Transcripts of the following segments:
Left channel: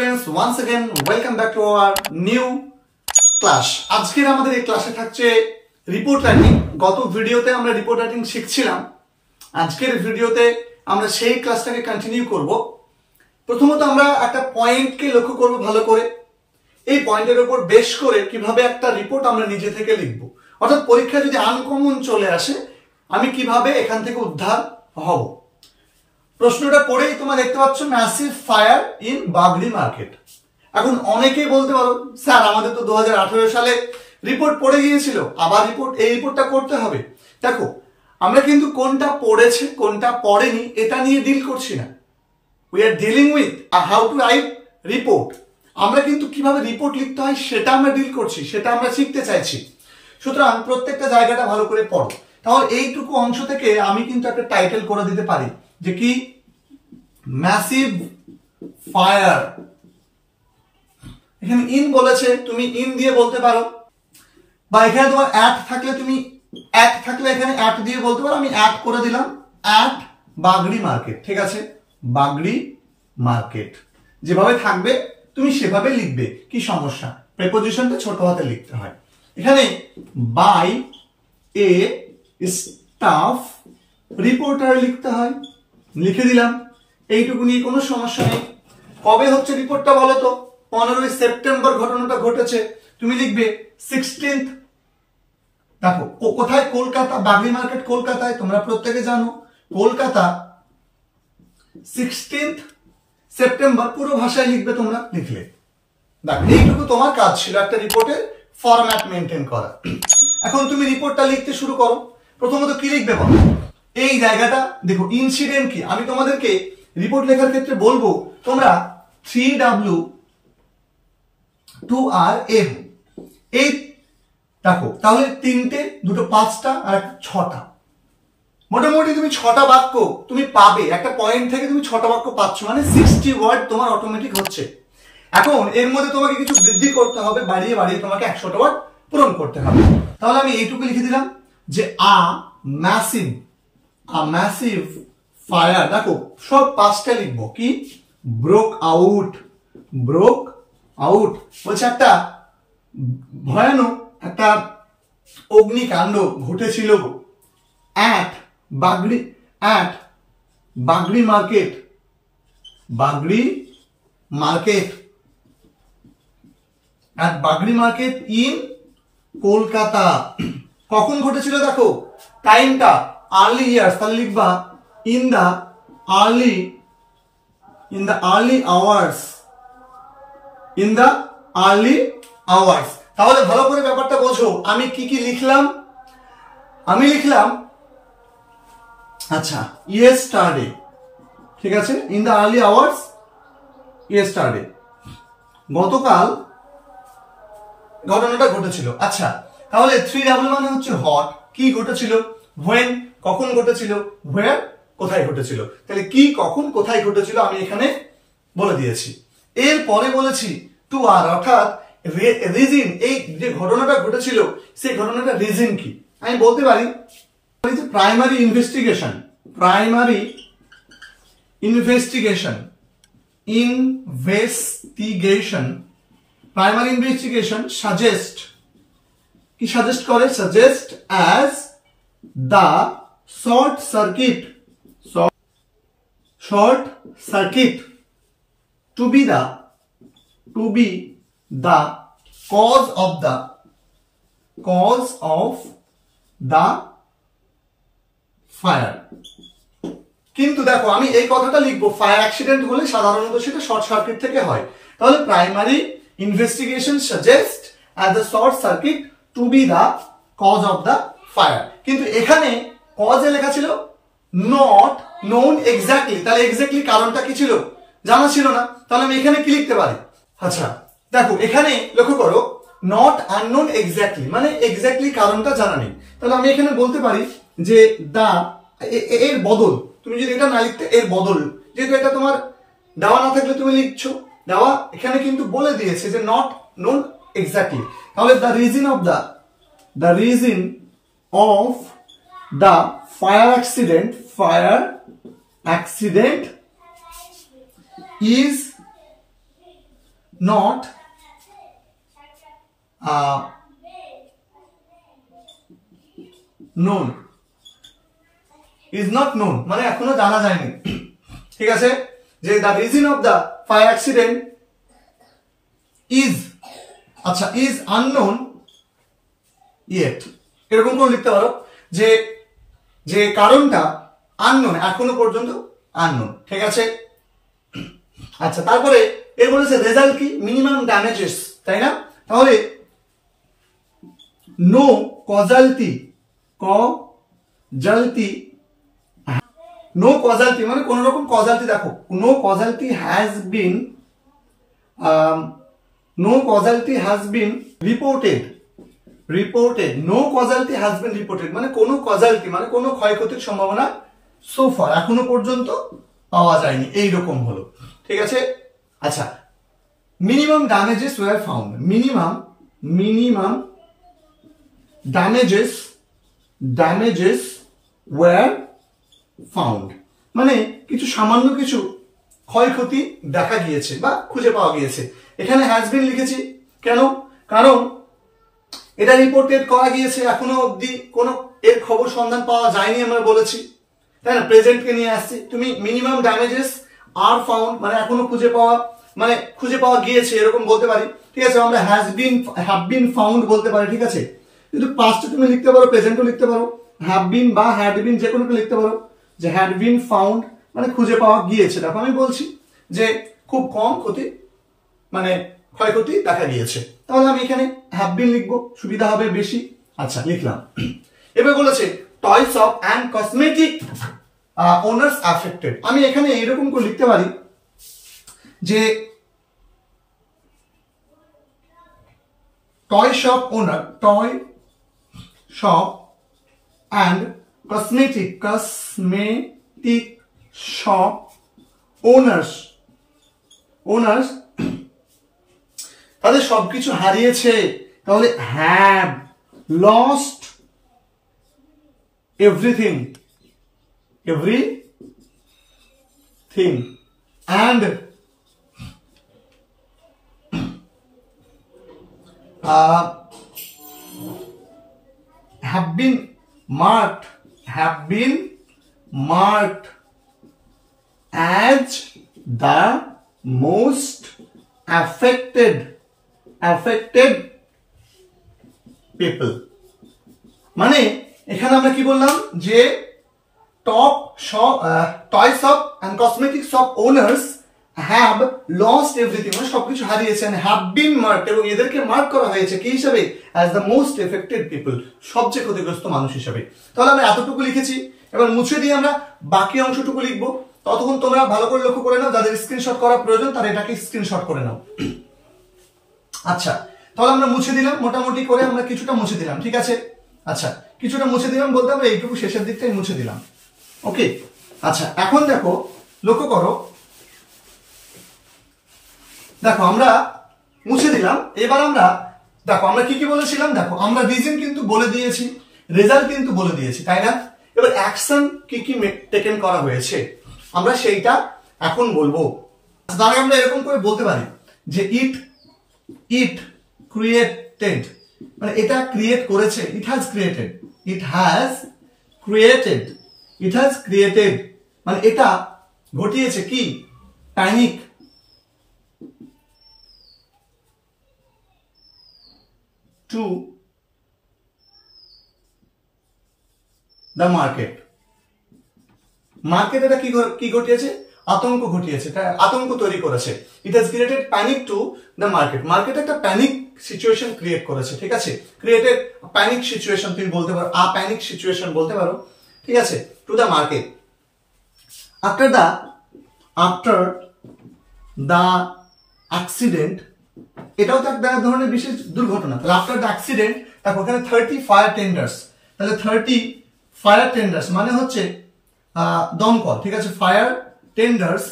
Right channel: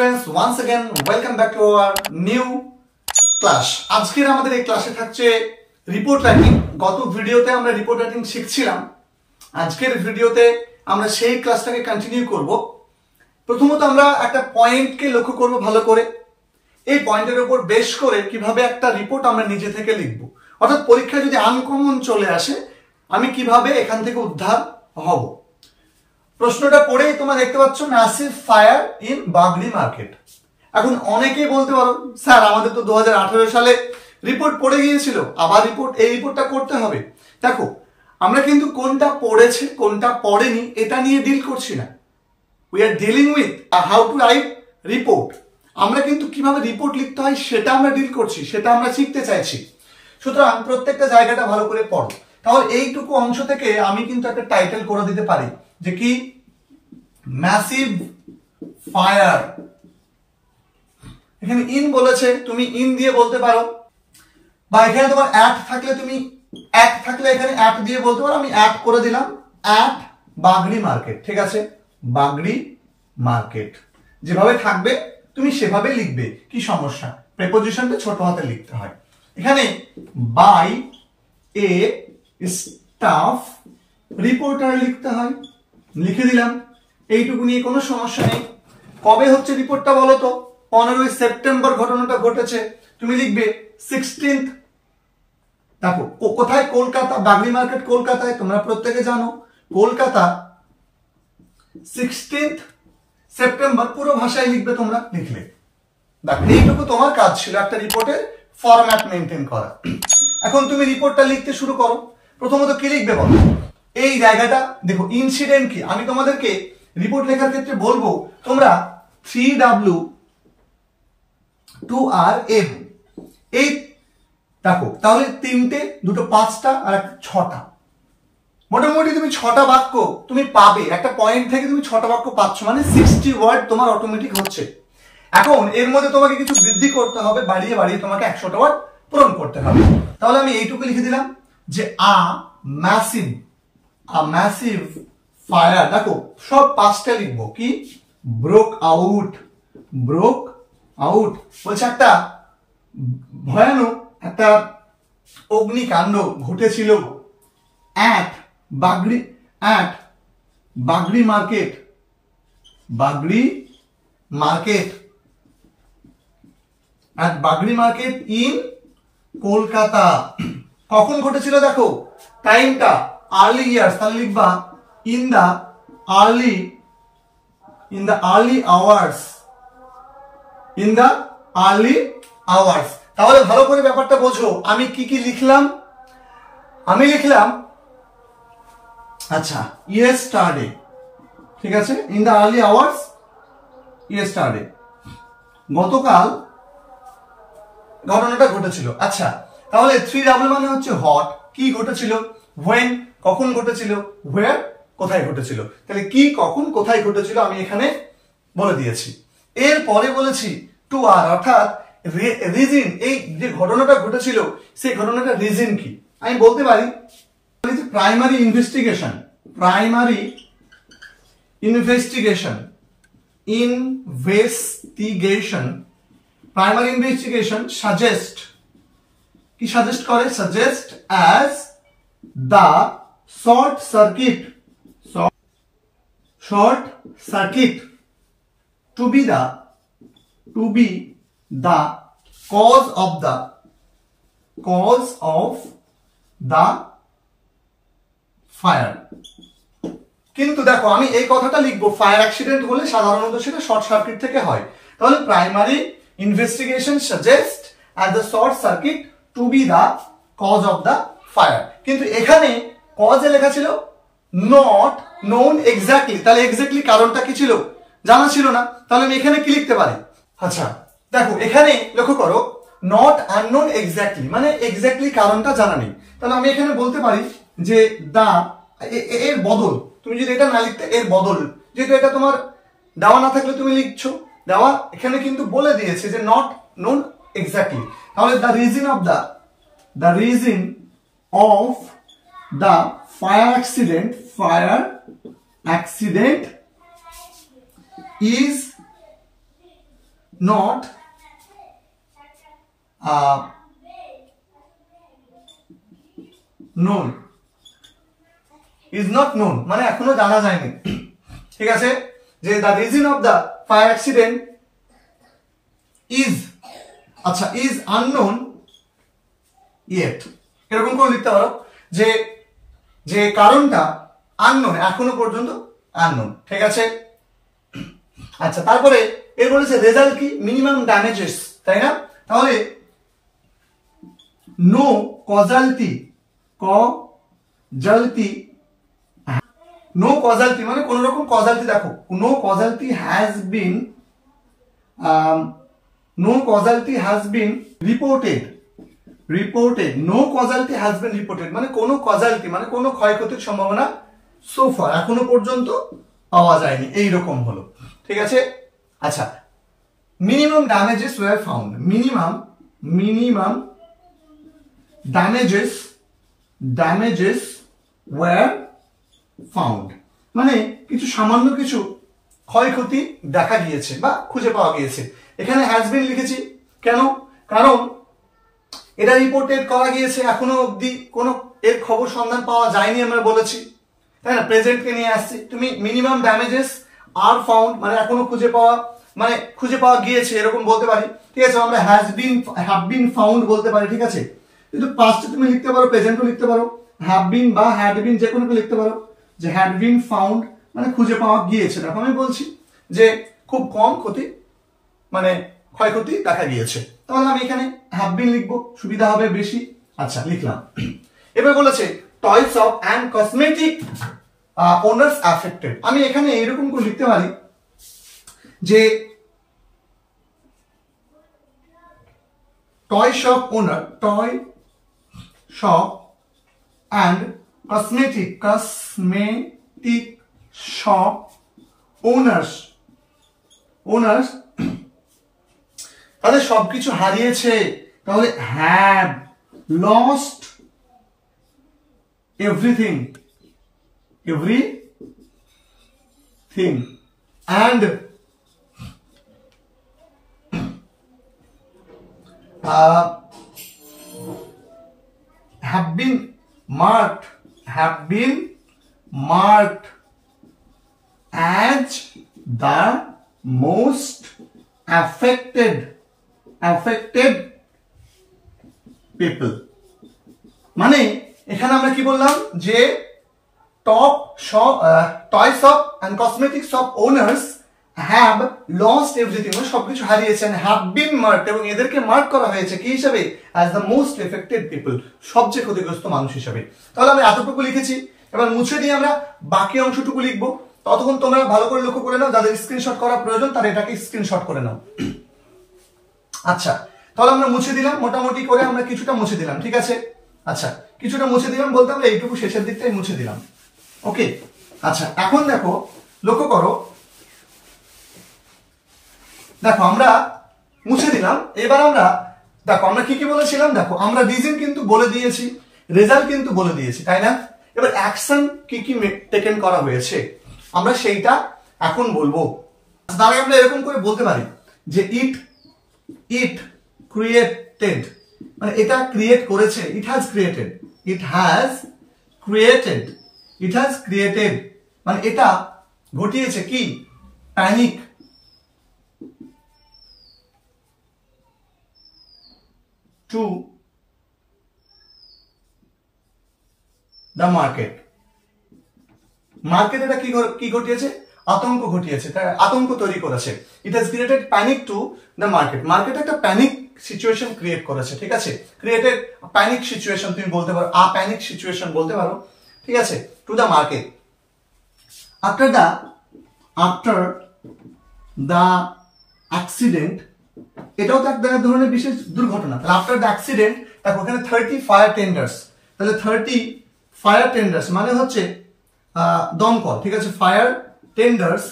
students, once again welcome back to our new class. আজকের আমাদের এই ক্লাসে থাকছে রিপোর্ট রাইটিং। গত ভিডিওতে আমরা রিপোর্ট রাইটিং শিখছিলাম। আজকের ভিডিওতে আমরা সেই ক্লাসটাকে কন্টিনিউ করব। প্রথমত আমরা একটা পয়েন্টকে লক্ষ্য করব ভালো করে। এই পয়েন্টের উপর বেস করে কিভাবে একটা রিপোর্ট আমরা নিজে থেকে লিখব, অর্থাৎ পরীক্ষায় যদি আনকমন চলে আসে আমি কিভাবে এখান থেকে উদ্ধার হব। প্রশ্নটা পড়েই তোমরা দেখতে পাচ্ছ, massive fire in Bagri market. এখন অনেকেই বলতে পারো, স্যার আমাদের তো 2018 সালে রিপোর্ট পড়ে গিয়েছিল, আবার এই রিপোর্টটা করতে হবে। দেখো, আমরা কিন্তু কোনটা পড়েছে কোনটা পড়েনি এটা নিয়ে ডিল করছি না। We are dealing with how to write report. আমরা কিন্তু কিভাবে রিপোর্ট লিখতে হয় সেটা আমরা ডিল করছি, সেটা আমরা শিখতে চাইছি। সুতরাং প্রত্যেকটা জায়গাটা ভালো করে পড়ো। তাহলে এইটুকু অংশ থেকে আমি কিন্তু একটা টাইটেল করে দিতে পারি যে কি, ম্যাসিভ ফায়ার। এখানে ইন বলেছে, তুমি ইন দিয়ে বলতে পারো, বা এখানে তোমার অ্যাট থাকলে তুমি অ্যাট থাকলে এখানে অ্যাট দিয়ে বলতে পারো। আমি অ্যাট করে দিলাম, অ্যাট বাগড়ি মার্কেট। ঠিক আছে, বাগড়ি মার্কেট যেভাবে থাকবে তুমি সেভাবে লিখবে, কি সমস্যা? প্রেপোজিশনটা ছোট হাতে লিখতে হয়। এখানে বাই এ স্টাফ রিপোর্টার লিখতে হয়, লিখে দিলাম। এইটুকু নিয়ে কোনো সমস্যা নেই। কবে হচ্ছে রিপোর্টটা বলো তো? 15 সেপ্টেম্বর ঘটনাটা ঘটেছে, তুমি লিখবে 16th। দেখো কোথায়? কলকাতা, বাগড়ি মার্কেট কলকাতায়, তোমরা প্রত্যেকে জানো কলকাতা। 16th সেপ্টেম্বর পুরো ভাষায় লিখবে, তোমরা লিখলে। দেখো এইটুকু তোমার কাজ ছিল, একটা রিপোর্টের ফরম্যাট মেনটেন করা। এখন তুমি রিপোর্টটা লিখতে শুরু করো। প্রথমত কি লিখবে বলো? এই জায়গাটা দেখো, ইনসিডেন্ট কি। আমি তোমাদেরকে রিপোর্ট লেখার ক্ষেত্রে বলবো তোমরা 3W 2RM এই দেখো, তাহলে 3টে, 2টো 5টা আর 6টা, মোটামুটি তুমি 6টা বাক্য তুমি পাবে। একটা পয়েন্ট থেকে তুমি 6টা বাক্য পাচ্ছ, মানে 60 ওয়ার্ড তোমার অটোমেটিক হচ্ছে। এখন এর মধ্যে তোমাকে কিছু বৃদ্ধি করতে হবে, বাড়িয়ে বাড়িয়ে তোমাকে 100টা ওয়ার্ড পূরণ করতে হবে। তাহলে আমি এইটুকু লিখে দিলাম যে ম্যাসিভ ফায়ার। দেখো সব 5টা লিখবো। কি? ব্রোক আউট বলছে একটা ভয়ানক একটা অগ্নিকাণ্ড ঘটেছিল at Bagri market in Kolkata. কখন ঘটেছিল দেখো, টাইমটা আর্লি ইয়ার্স, তাহলে লিখবা ইন দা আর্লি আওয়ার্স। তাহলে ভালো করে ব্যাপারটা বোঝো। আমি কি কি লিখলাম? আমি লিখলাম আচ্ছা ইয়েস্টারডে। ঠিক আছে, in the early hours yesterday, গতকাল ঘটনাটা ঘটেছিল। আচ্ছা, তাহলে 3W মানে হচ্ছে হট, কি ঘটেছিল? when, কখন ঘটেছিল? where, কোথায় ঘটেছিল। তাহলে কি, কখন, কোথায় ঘটেছিল আমি এখানে বলে দিয়েছি। এরপরে বলেছি টু আর, অর্থাৎ রিজন। এই যে ঘটনাটা ঘটেছিল সেই ঘটনাটা রিজন কি আমি বলতে পারি প্রাইমারি ইনভেস্টিগেশন সাজেস্ট করে, suggest as the short circuit to be the cause of the fire। কিন্তু দেখো আমি এই কথাটা লিখবো, ফায়ার অ্যাক্সিডেন্ট হলে সাধারণত সেটা শর্ট সার্কিট থেকে হয়। তাহলে primary investigation suggest as the short circuit to be the cause of the fire. কিন্তু এখানে কজে লেখা ছিল নট নোন এক্স্যাক্টলি। তাহলে এক্স্যাক্টলি কারণটা কি ছিল? জানা ছিল না। তাহলে আমি এখানে কি লিখতে পারি? আচ্ছা দেখো, এখানে লক্ষ্য করো, নট আননোন এক্স্যাক্টলি মানে এক্স্যাক্টলি কারণটা জানা নেই। তাহলে আমি এখানে বলতে পারি যে এর বদল, তুমি যদি এটা না লিখতে এর বদল, যেহেতু এটা তোমার দেওয়া না থাকলে তুমি লিখছো, দেওয়া এখানে কিন্তু বলে দিয়েছে যে নট নোন এক্স্যাক্টলি। তাহলে the reason of the fire accident is not known, is not known মানে এখনো জানা যায়নি, ঠিক আছে, যে the reason of the fire accident is, আচ্ছা, is unknown yet, এরকম করে লিখতে পারো যে যে কারণটা unknown, এখনো পর্যন্ত unknown, ঠিক আছে। আচ্ছা, তারপরে এর বলেছে রেজাল্ট কি, মিনিমাম ড্যামেজেস, তাই না, তাহলে নো কজালটি, নো কজালটি মানে কোন রকম কজালটি, দেখো no casualty has been reported, no casualty has been reported মানে কোনো কজালটি মানে কোনো ক্ষয়ক্ষতির সম্ভাবনা সো ফার এখনো পর্যন্ত পাওয়া যায়নি, এইরকম হলো, ঠিক আছে। আচ্ছা, minimum damages were found, minimum damages were found মানে কিছু সামান্য কিছু ক্ষয়ক্ষতি দেখা গিয়েছে বা খুঁজে পাওয়া গিয়েছে। এখানে হ্যাজ বিন লিখেছি কেন, কারণ এটা রিপোর্টেড করা গিয়েছে, এখনো অবধি কোনো এর খবর সন্ধান পাওয়া যায়নি আমরা বলেছি, তাই না, প্রেজেন্টকে নিয়ে আসছি। তুমি মিনিমাম ড্যামেজেস আর ফাউন্ড মানে এখনো খুঁজে পাওয়া গিয়েছে এরকম বলতে পারি, ঠিক আছে। আমরা হ্যাভ বিন ফাউন্ড বলতে পারি, ঠিক আছে। কিন্তু পাস্টে তুমি লিখতে পারো, প্রেজেন্টও লিখতে পারো, হ্যাভ বিন বা হ্যাড বিন যে কোনো লিখতে পারো, যে হ্যাড বিন ফাউন্ড মানে খুঁজে পাওয়া গিয়েছে। দেখো আমি বলছি যে খুব কম ক্ষতি মানে ক্ষয়ক্ষতি দেখা গিয়েছে, তাহলে আমি এখানে হ্যাভ বিন লিখবো, সুবিধা হবে বেশি। আচ্ছা, লিখলাম। এবার বলেছে toy shop and cosmetic owners affected, আমি এখানে এইরকম করে লিখতে পারি যে toy shop and cosmetic shop owners তাদের সবকিছু হারিয়েছে, তাহলে have lost everything and have been marked as the most affected people মানে এখানে আমরা কি বললাম যে toy shop and cosmetic shop owners have lost everything মানে সবকিছু হারিয়েছে, and have been marked এবং এদেরকে মার্ক করা হয়েছে কি হিসেবে, as the most affected people সবচেয়ে ক্ষতিগ্রস্ত মানুষ হিসেবে। তাহলে আমরা এতটুকু লিখেছি, এবার মুছে দিয়ে আমরা বাকি অংশটুকু লিখবো। ততক্ষণ তোমরা ভালো করে লক্ষ্য করে নাও, যাদের স্ক্রিনশট করার প্রয়োজন তারা এটাকে স্ক্রিনশট করে নাও। আচ্ছা, তাহলে আমরা মুছে দিলাম, মোটামুটি করে আমরা কিছুটা মুছে দিলাম, ঠিক আছে। আচ্ছা, কিছুটা মুছে দিলাম বলতে হবে এইটুকু শেষের দিকটাই মুছে দিলাম, ওকে। আচ্ছা, এখন দেখো, লক্ষ্য করো, দেখো আমরা মুছে দিলাম। এবার আমরা দেখো আমরা কি বলেছিলাম, দেখো আমরা রিজন কিন্তু বলে দিয়েছি, রেজাল্ট কিন্তু বলে দিয়েছি, তাই না। এবার অ্যাকশন কি টেকেন করা হয়েছে আমরা সেইটা এখন বলবো। তাহলে আমরা এরকম করে বলতে পারি যে ইট ক্রিয়েটেড মানে এটা ক্রিয়েট করেছে, ইট হ্যাজ ক্রিয়েটেড মানে এটা ঘটিয়েছে কি, প্যানিক to the market এটা কি ঘটিয়েছে, আতঙ্ক ঘটিয়েছে, আতঙ্ক তৈরি করেছে। it has created panic to the market একটা প্যানিক সিচুয়েশন ক্রিয়েট করেছে, ঠিক আছে। ক্রিয়েটেড প্যানিক সিচুয়েশন তুমি বলতে পারো, প্যানিক সিচুয়েশন বলতে পারো, ঠিক আছে, to the market. After the accident এটাও তো এক ধরনের বিশেষ দুর্ঘটনা। তাহলে আফটার দ্য অ্যাক্সিডেন্ট তারপর ওখানে 30 ফায়ার টেন্ডার্স, তাহলে 30 ফায়ার টেন্ডার্স মানে হচ্ছে দমকল, ঠিক আছে। Fire tenders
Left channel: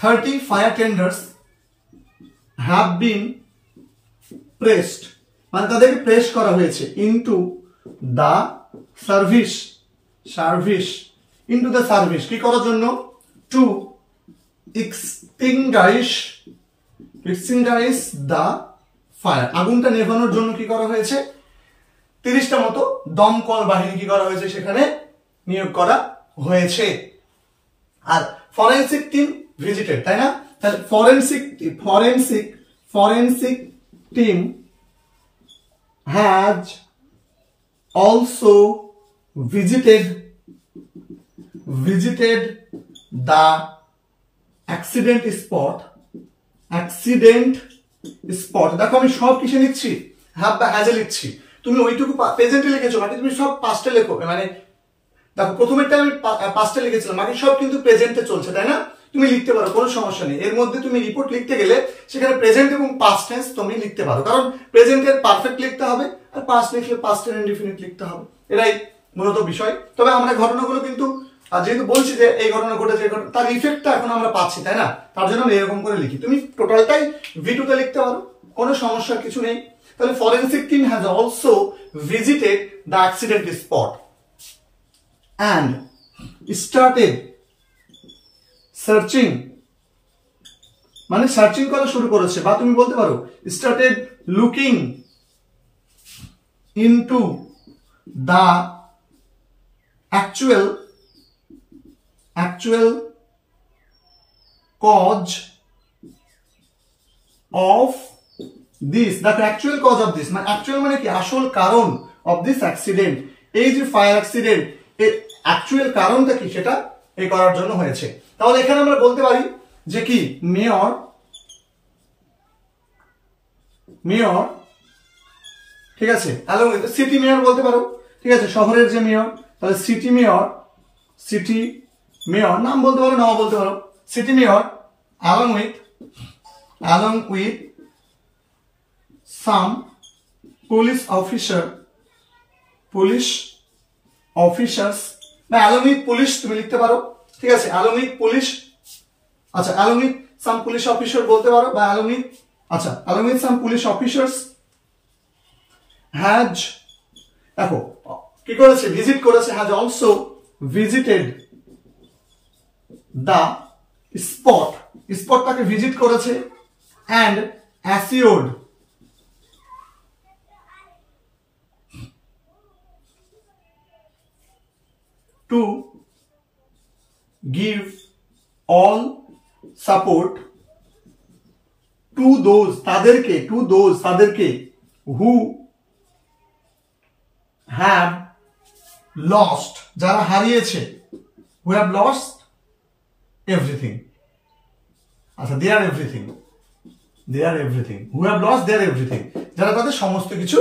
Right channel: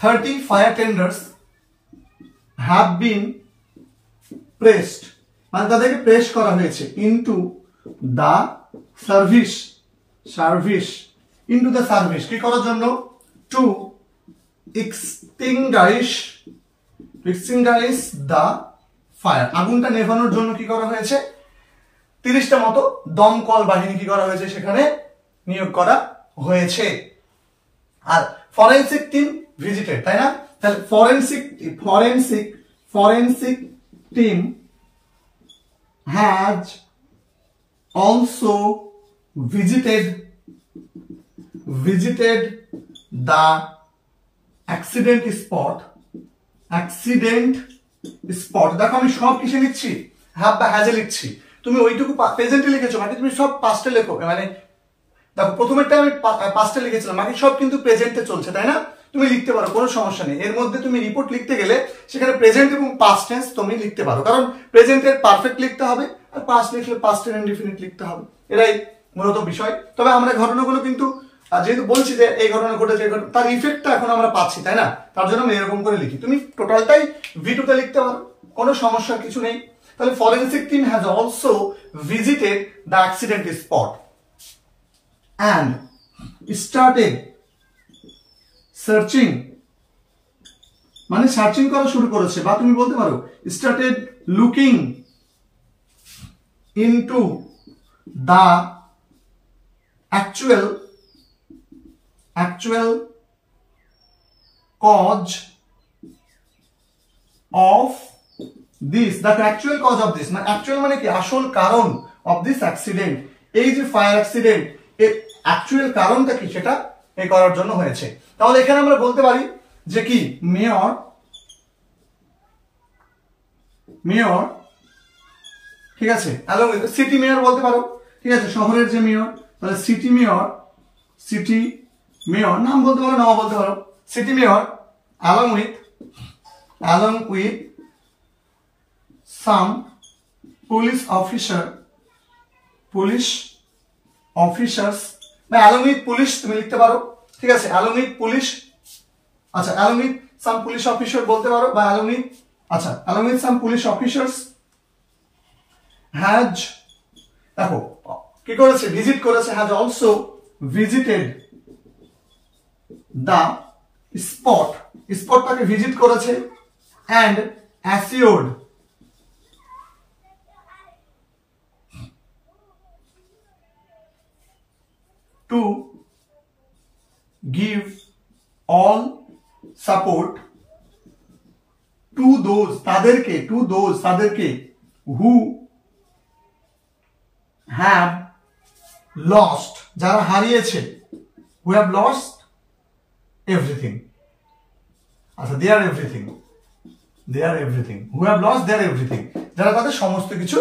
30 fire tenders have been pressed মানে তাদেরকে প্রেস করা হয়েছে ইনটু দ্য সার্ভিস কি করার জন্য, টু extinguish the fire, আগুনটা নেভানোর জন্য কি করা হয়েছে, 30টা মতো দমকল বাহিনী কি করা হয়েছে সেখানে নিয়োগ করা হয়েছে। আর ফরেনসিক টিম ভিজিটেড, তাই না? তাহলে forensic team has also visited the accident spot। দেখো আমি সব কিসে লিখছি, হ্যাভ বা হ্যাজে লিখছি, তুমি ওইটুকু প্রেজেন্টে লিখেছো, বাকি তুমি সব পাস্টে লেখো। মানে দেখো প্রথমেরটা আমি পাস্টে লিখেছিলাম, বাকি সব কিন্তু প্রেজেন্টে চলছে, তাই না? তুমি লিখতে পারো, কোনো সমস্যা নেই। এর মধ্যে তুমি রিপোর্ট লিখতে গেলে সেখানে প্রেজেন্ট এবং পাস্ট টেন্স তুমি লিখতে পারো, কারণ প্রেজেন্টের পারফেক্ট লিখতে হবে আর পাস্ট লিখলে পাস্ট এর ইনডিফিনিট লিখতে হবে, এটাই মূলত বিষয়। তবে আমরা ঘটনাগুলো কিন্তু যেহেতু বলছি যে এই ঘটনা ঘটেছে, তার ইফেক্টটা এখন আমরা পাচ্ছি, তাই না? তার জন্য আমি এরকম করে লিখি। তুমি টোটালটাই ভিডিওতে লিখতে পারো, কোনো সমস্যার কিছু নেই। তাহলে forensic team has also visited the accident spot and started searching, মানে সার্চিং করা শুরু করেছে, বা তুমি বলতে পারো started looking into the actual cause of this, the actual cause of this, মানে actual মানে কি, আসল কারণ of this accident, এই যে ফায়ার অ্যাক্সিডেন্ট এর অ্যাকচুয়াল কারণটা কি সেটা এই করার জন্য হয়েছে। তাহলে এখানে আমরা বলতে পারি যে কি, মেয়র ঠিক আছে, হ্যালো সিটি মেয়র বলতে পারো, ঠিক আছে, শহরের যে মেয়র, তাহলে সিটি মেয়র নাম বলতে পারো, নাম বলতে পারো, city mayor along with some police officers বা along with police তুমি লিখতে পারো, ঠিক আছে, along with police, আচ্ছা along with some police officer বলতে পারো, বা along with some police officers has, দেখো কি করেছে, ভিজিট করেছে, has also visited the স্পটটাকে ভিজিট করেছে and assured to give all support to those তাদেরকে who have lost, যারা হারিয়েছে, who have lost everything, আচ্ছা their everything, who have lost their everything, যারা তাদের সমস্ত কিছু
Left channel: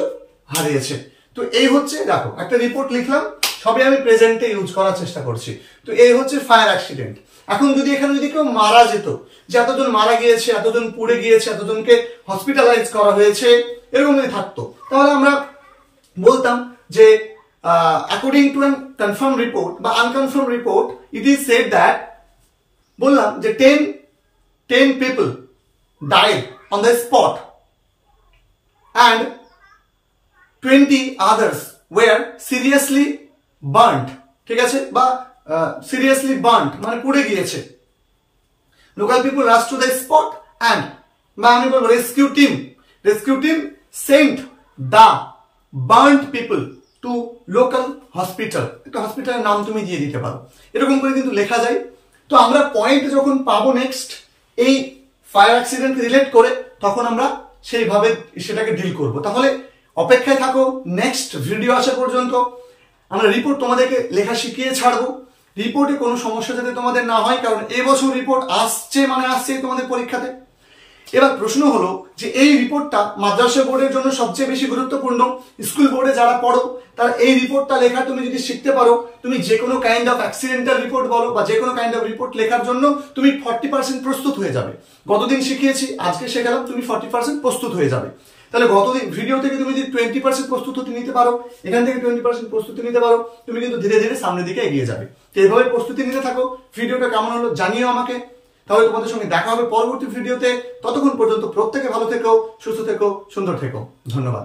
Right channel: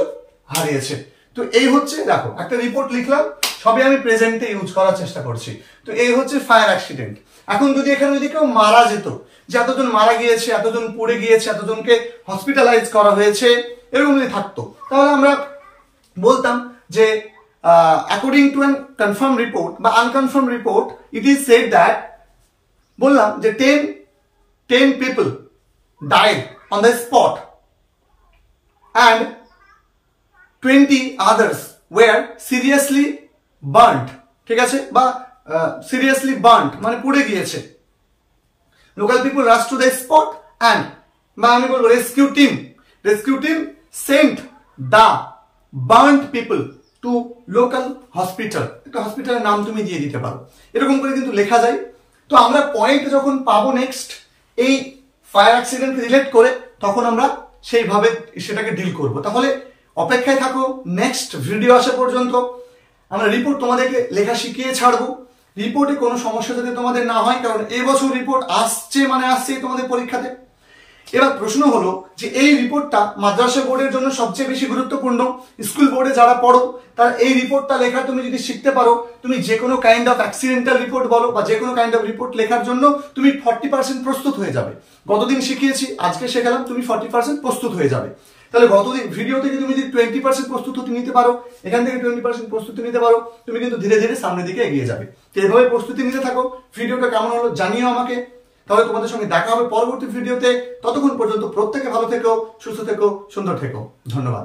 হারিয়েছে। তো এই হচ্ছে, দেখো একটা রিপোর্ট লিখলাম, সবই আমি প্রেজেন্টে ইউজ করার চেষ্টা করছি। তো এই হচ্ছে ফায়ার অ্যাক্সিডেন্ট। এখন এখানে যদি কেউ মারা যেত, যে এতজন মারা গিয়েছে, এতজন পুড়ে গিয়েছে, এতজনকে হসপিটালাইজ করা হয়েছে, এরকম যদি থাকতো, তাহলে আমরা বলতাম যে according to an confirm report বা unconfirm report, it is said that, বললাম যে 10 people died on the spot and 20 others were seriously burnt, ঠিক আছে, বা seriously burnt মানে পুড়ে গিয়েছে। Local people rushed to the spot and, বা আমি বলবো rescue team sent the burnt people to local hospital, একটা হসপিটালের নাম তুমি দিয়ে দিতে পারো, এরকম করে কিন্তু লেখা যায়। তো আমরা পয়েন্ট যখন পাবো নেক্সট এই ফায়ার অ্যাক্সিডেন্ট রিলেট করে, তখন আমরা সেইভাবে সেটাকে ডিল করব। তাহলে অপেক্ষায় থাকো নেক্সট ভিডিও আসা পর্যন্ত। আমরা রিপোর্ট তোমাদেরকে লেখা শিখিয়ে ছাড়বো, রিপোর্টে কোনো সমস্যা যাতে তোমাদের না হয়, কারণ এবছর রিপোর্ট আসছে তোমাদের পরীক্ষাতে। এবার প্রশ্ন হলো যে এই রিপোর্টটা মাদ্রাসা বোর্ডের জন্য সবচেয়ে বেশি গুরুত্বপূর্ণ। স্কুল বোর্ডে যারা পড়ো তারা এই রিপোর্টটা লেখা তুমি যদি শিখতে পারো, তুমি যে কোনো কাইন্ড অফ অ্যাক্সিডেন্টাল রিপোর্ট বলো বা যে কোনো কাইন্ড অফ রিপোর্ট লেখার জন্য তুমি 40% প্রস্তুত হয়ে যাবে। গতদিন শিখিয়েছি, আজকে শেখালাম, তুমি 40% প্রস্তুত হয়ে যাবে। তাহলে গতদিন ভিডিও থেকে তুমি যদি 20% প্রস্তুতি নিতে পারো, এখান থেকে 20% প্রস্তুতি নিতে পারো, তুমি কিন্তু ধীরে ধীরে সামনের দিকে এগিয়ে যাবে। তো এইভাবে প্রস্তুতি নিতে থাকো। ভিডিওটা কেমন হলো জানিও আমাকে। তাহলে তোমাদের সঙ্গে দেখা হবে পরবর্তী ভিডিওতে। ততক্ষণ পর্যন্ত প্রত্যেকে ভালো থেকো, সুস্থ থেকো, সুন্দর থেকো। ধন্যবাদ।